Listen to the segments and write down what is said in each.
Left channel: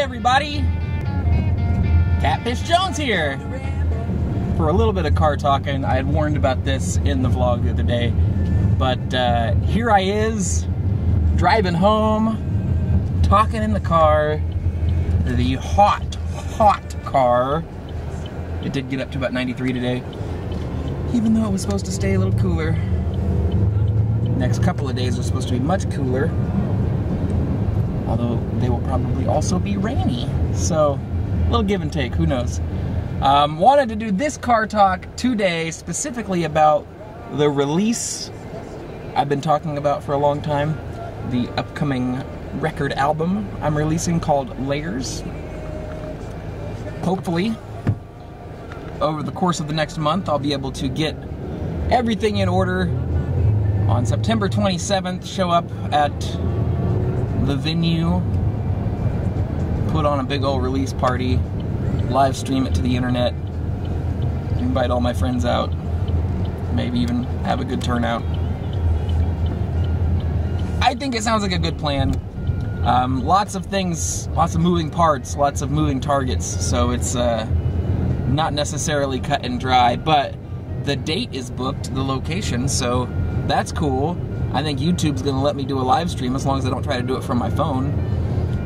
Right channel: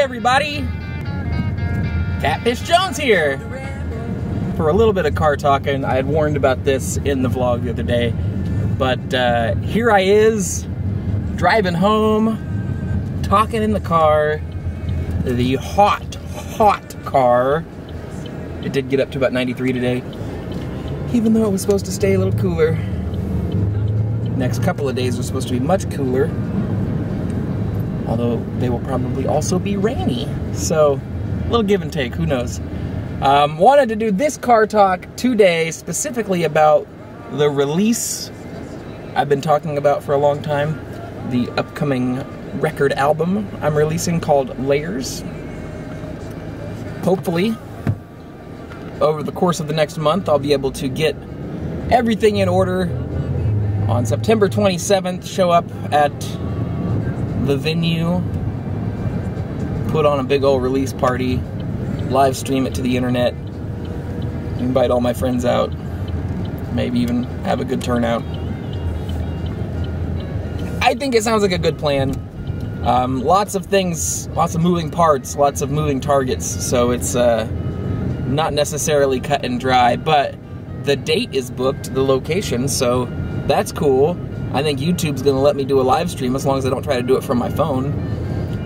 Hi everybody, Catfish Jones here. For a little bit of car talking, I had warned about this in the vlog the other day, but here I is, driving home, talking in the car, the hot car. It did get up to about 93 today, even though it was supposed to stay a little cooler. Next couple of days are supposed to be much cooler, although they will probably also be rainy. So, a little give and take, who knows. Wanted to do this car talk today specifically about the release I've been talking about for a long time, the upcoming record album I'm releasing called Layers. Hopefully, over the course of the next month, I'll be able to get everything in order. On September 27th, show up at the venue, put on a big old release party, live stream it to the internet, invite all my friends out, maybe even have a good turnout. I think it sounds like a good plan. Lots of things, lots of moving parts, lots of moving targets, so it's not necessarily cut and dry, but the date is booked, the location, so that's cool. I think YouTube's going to let me do a live stream as long as I don't try to do it from my phone.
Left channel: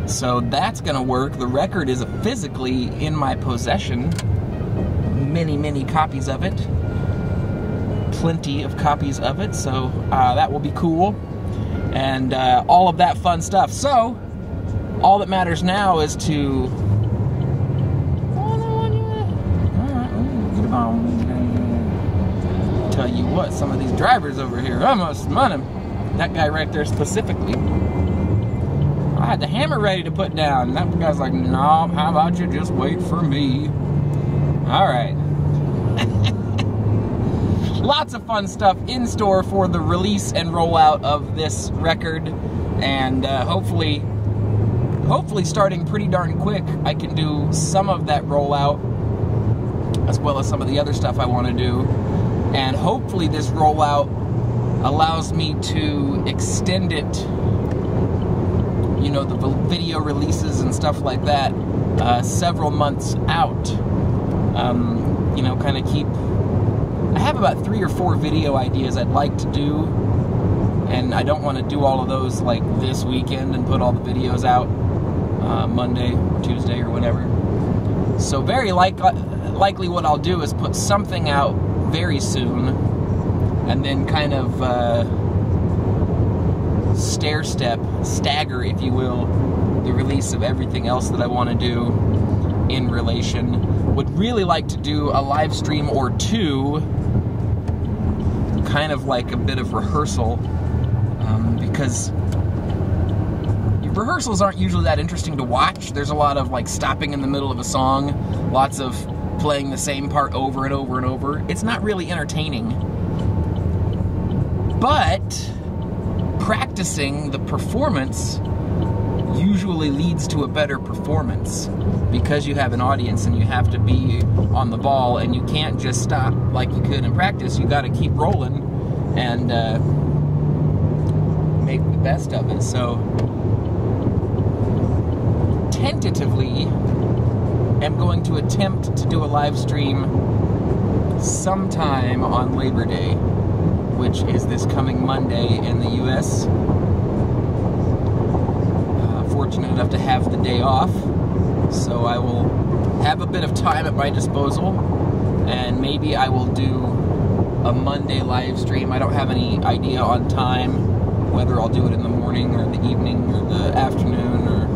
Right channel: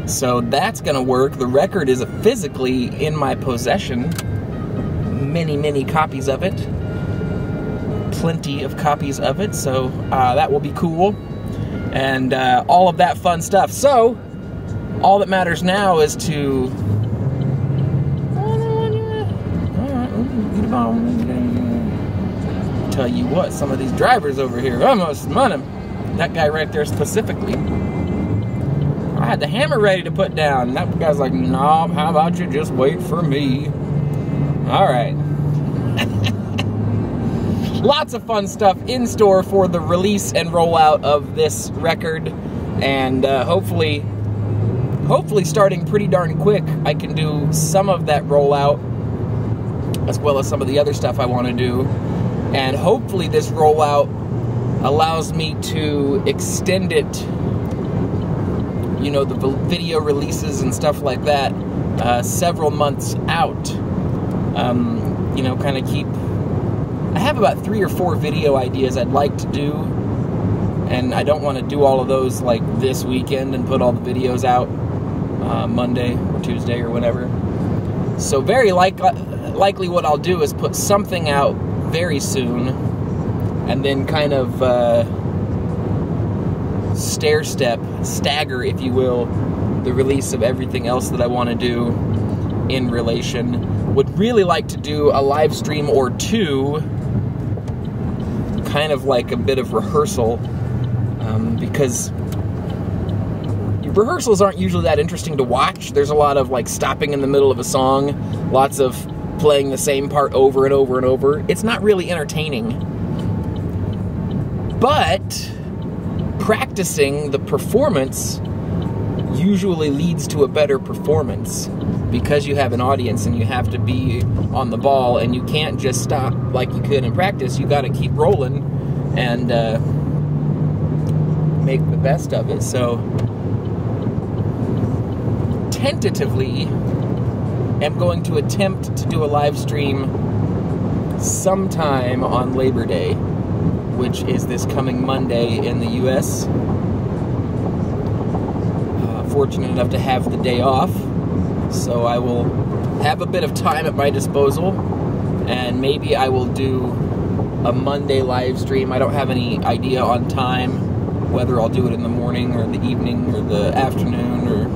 So that's going to work. The record is physically in my possession. Many copies of it. Plenty of copies of it, so that will be cool. And all of that fun stuff. So, all that matters now is to... Tell you what, some of these drivers over here, almost money. That guy right there specifically, I had the hammer ready to put down, and that guy's like, "No, how about you just wait for me?" All right. Lots of fun stuff in store for the release and rollout of this record, and hopefully starting pretty darn quick, I can do some of that rollout as well as some of the other stuff I want to do. And hopefully this rollout allows me to extend it, you know, the video releases and stuff like that, several months out. You know, kind of keep... I have about 3 or 4 video ideas I'd like to do, and I don't want to do all of those like this weekend and put all the videos out Monday or Tuesday or whatever. So very likely what I'll do is put something out very soon, and then kind of stagger, if you will, the release of everything else that I want to do in relation. Would really like to do a live stream or two, kind of like a bit of rehearsal, because rehearsals aren't usually that interesting to watch. There's a lot of like stopping in the middle of a song, lots of playing the same part over and over and over. It's not really entertaining. But practicing the performance usually leads to a better performance, because you have an audience and you have to be on the ball, and you can't just stop like you could in practice. You got to keep rolling and make the best of it. So tentatively, I'm going to attempt to do a live stream sometime on Labor Day, which is this coming Monday in the U.S. Fortunate enough to have the day off, so I will have a bit of time at my disposal, and maybe I will do a Monday live stream. I don't have any idea on time, whether I'll do it in the morning or the evening or the afternoon, or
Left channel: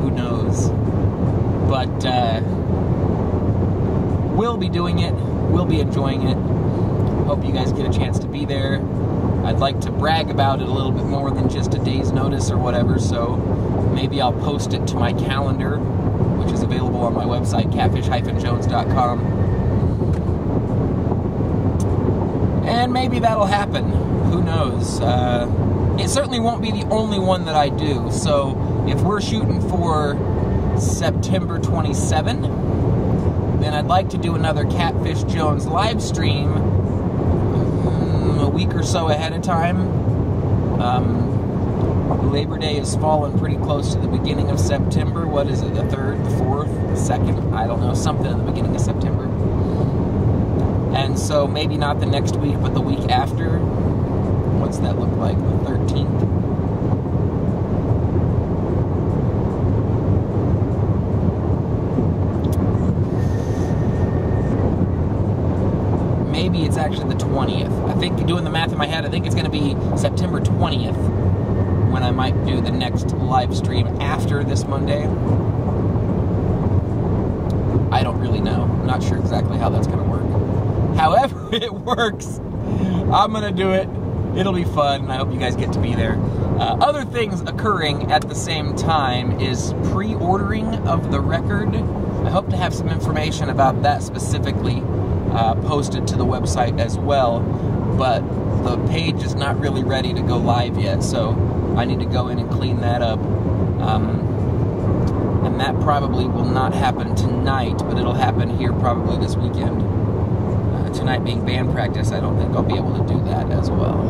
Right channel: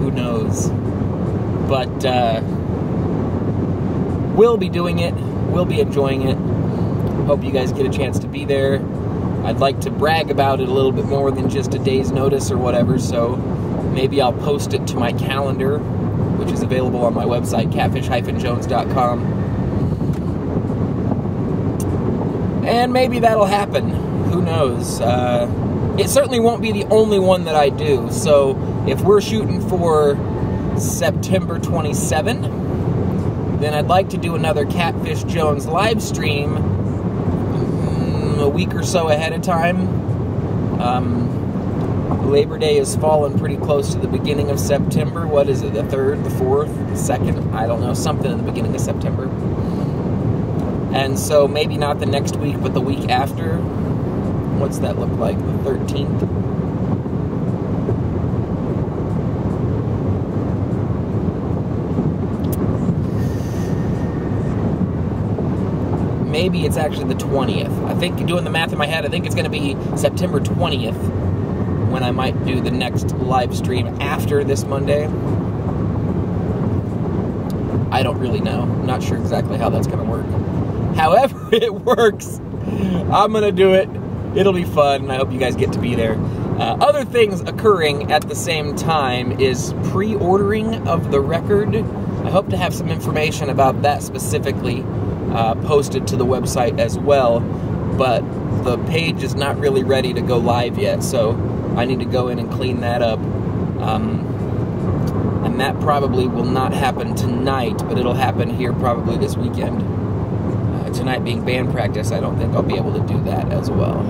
who knows. But we'll be doing it, we'll be enjoying it. Hope you guys get a chance to be there. I'd like to brag about it a little bit more than just a day's notice or whatever, so maybe I'll post it to my calendar, which is available on my website, catfish-jones.com. And maybe that'll happen. Who knows? It certainly won't be the only one that I do, so if we're shooting for September 27, then I'd like to do another Catfish Jones live stream a week or so ahead of time. Labor Day is falling pretty close to the beginning of September. What is it, the 3rd, the 4th, the 2nd? I don't know, something in the beginning of September. And so maybe not the next week, but the week after. What's that look like, the 13th? Maybe it's actually the 20th. I think, doing the math in my head, I think it's going to be September 20th when I might do the next live stream after this Monday. I don't really know. I'm not sure exactly how that's going to work. However it works, I'm going to do it. It'll be fun, and I hope you guys get to be there. Other things occurring at the same time is pre-ordering of the record. I hope to have some information about that specifically posted to the website as well, but the page is not really ready to go live yet, so I need to go in and clean that up. And that probably will not happen tonight, but it'll happen here probably this weekend. Tonight being band practice, I don't think I'll be able to do that as well.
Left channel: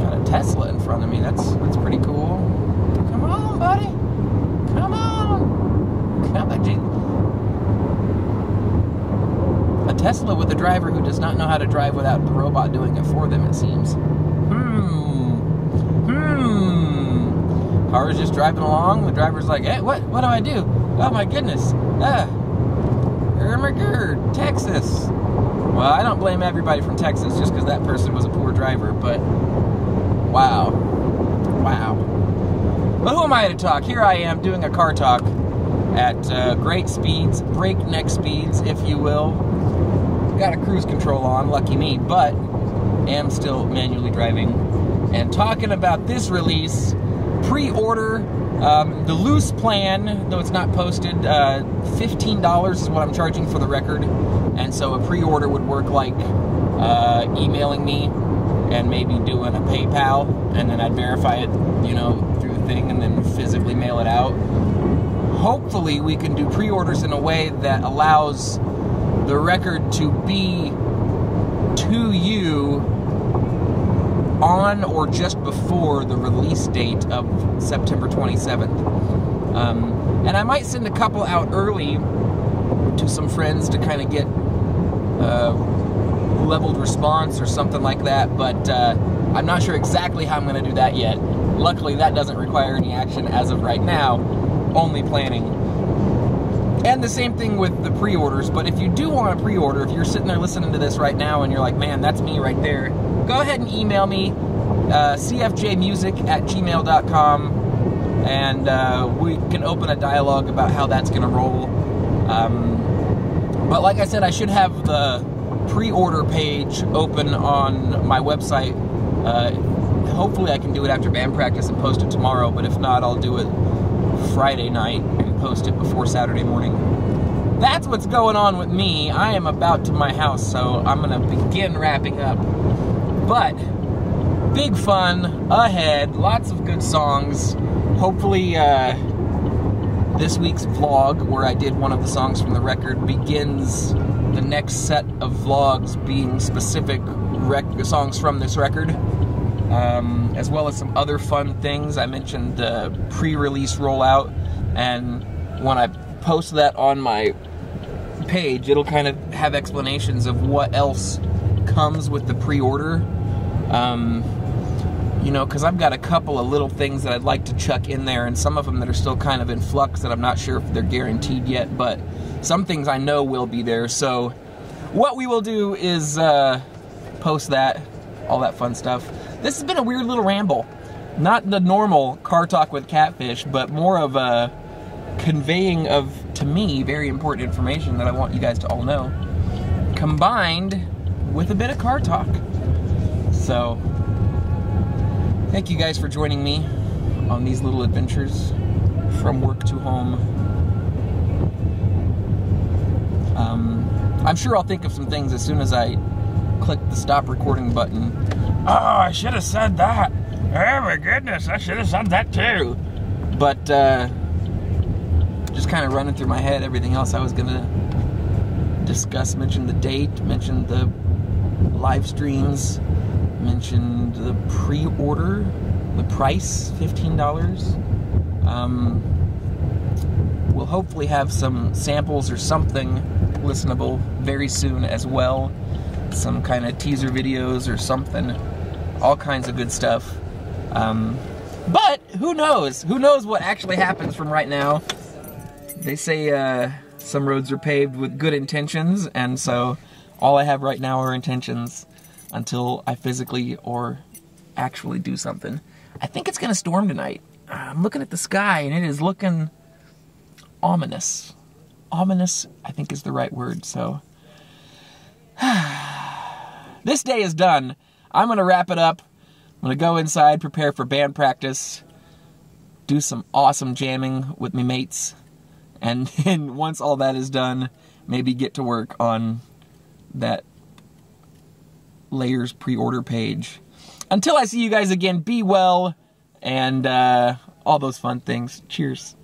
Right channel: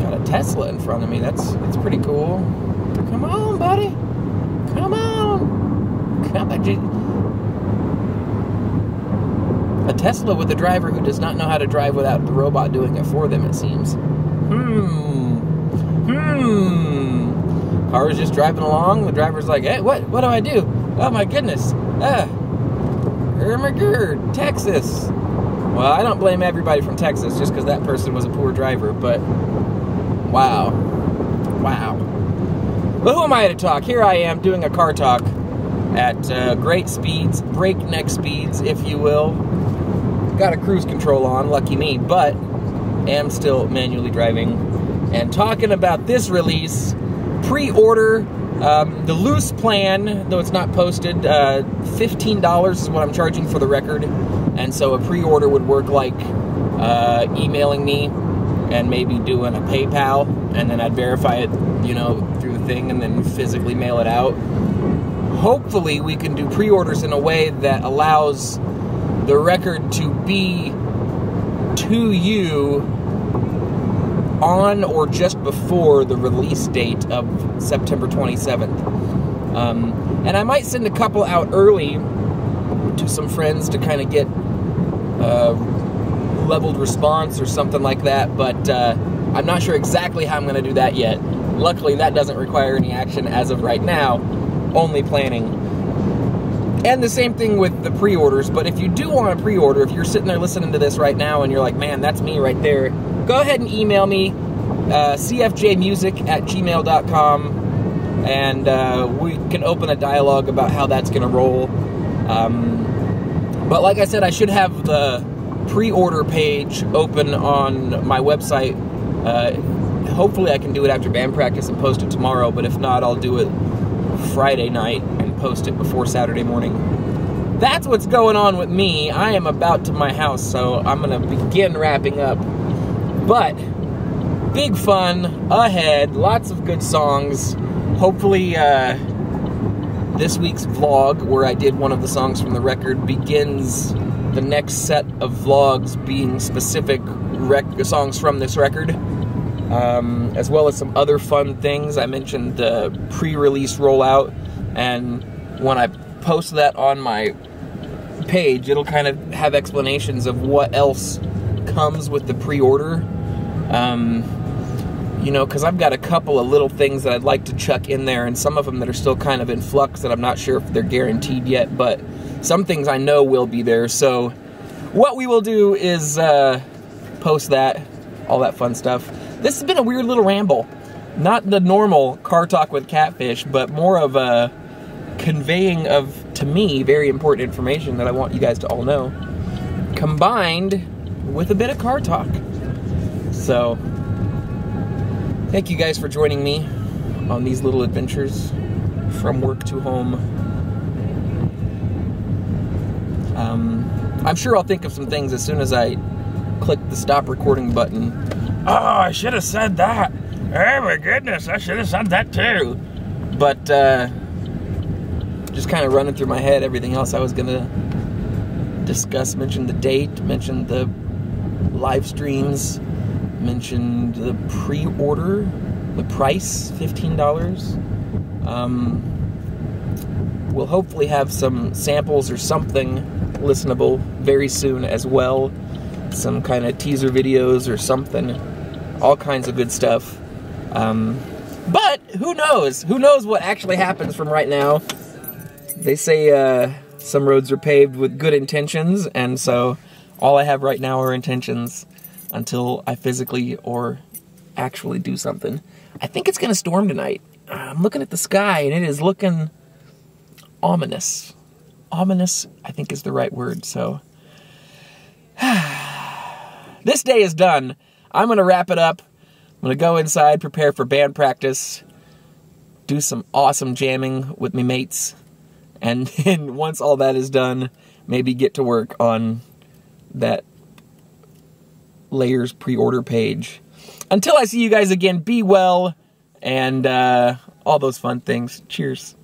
Got a Tesla in front of me. That's pretty cool. Come on, buddy. Come on. Come on. A Tesla with a driver who does not know how to drive without the robot doing it for them, it seems. Car is just driving along. The driver's like, hey, what do I do? Oh, my goodness. Texas. Well, I don't blame everybody from Texas just because that person was a poor driver, but wow. Wow. But who am I to talk? Here I am doing a car talk at great speeds, breakneck speeds, if you will. Got a cruise control on, lucky me, but am still manually driving and talking about this release. Pre-order, the loose plan, though it's not posted, $15 is what I'm charging for the record, and so a pre-order would work like emailing me and maybe doing a PayPal, and then I'd verify it, you know, through the thing and then physically mail it out. Hopefully we can do pre-orders in a way that allows the record to be to you on or just before the release date of September 27th. And I might send a couple out early to some friends to kind of get leveled response or something like that, but I'm not sure exactly how I'm going to do that yet. Luckily, that doesn't require any action as of right now, only planning. And the same thing with the pre-orders, but if you do want to pre-order, if you're sitting there listening to this right now and you're like, man, that's me right there, go ahead and email me, cfjmusic@gmail.com, and we can open a dialogue about how that's going to roll. But like I said, I should have the pre-order page open on my website. Hopefully I can do it after band practice and post it tomorrow, but if not, I'll do it Friday night and post it before Saturday morning. That's what's going on with me. I am about to my house, so I'm going to begin wrapping up. But big fun ahead, lots of good songs. Hopefully this week's vlog, where I did one of the songs from the record, begins the next set of vlogs being specific songs from this record, as well as some other fun things. I mentioned the pre-release rollout, and when I post that on my page, it'll kind of have explanations of what else comes with the pre-order. You know, because I've got a couple of little things that I'd like to chuck in there, and some of them that are still kind of in flux that I'm not sure if they're guaranteed yet, but some things I know will be there. So what we will do is post that, all that fun stuff. This has been a weird little ramble. Not the normal car talk with Catfish, but more of a conveying of, to me, very important information that I want you guys to all know, combined with a bit of car talk. So thank you guys for joining me on these little adventures from work to home. I'm sure I'll think of some things as soon as I click the stop recording button. Oh, I should have said that. Oh my goodness, I should have said that too. But just kind of running through my head everything else I was going to discuss. Mentioned the date, mentioned the live streams, mentioned the pre-order, the price, $15. We'll hopefully have some samples or something listenable very soon as well. Some kind of teaser videos or something. All kinds of good stuff. But who knows? Who knows what actually happens from right now? They say some roads are paved with good intentions, and so all I have right now are intentions until I physically or actually do something. I think it's going to storm tonight. I'm looking at the sky, and it is looking ominous. Ominous, I think, is the right word, so... This day is done. I'm going to wrap it up. I'm going to go inside, prepare for band practice, do some awesome jamming with my mates, and then once all that is done, maybe get to work on that Layers pre-order page. Until I see you guys again, be well, and all those fun things. Cheers.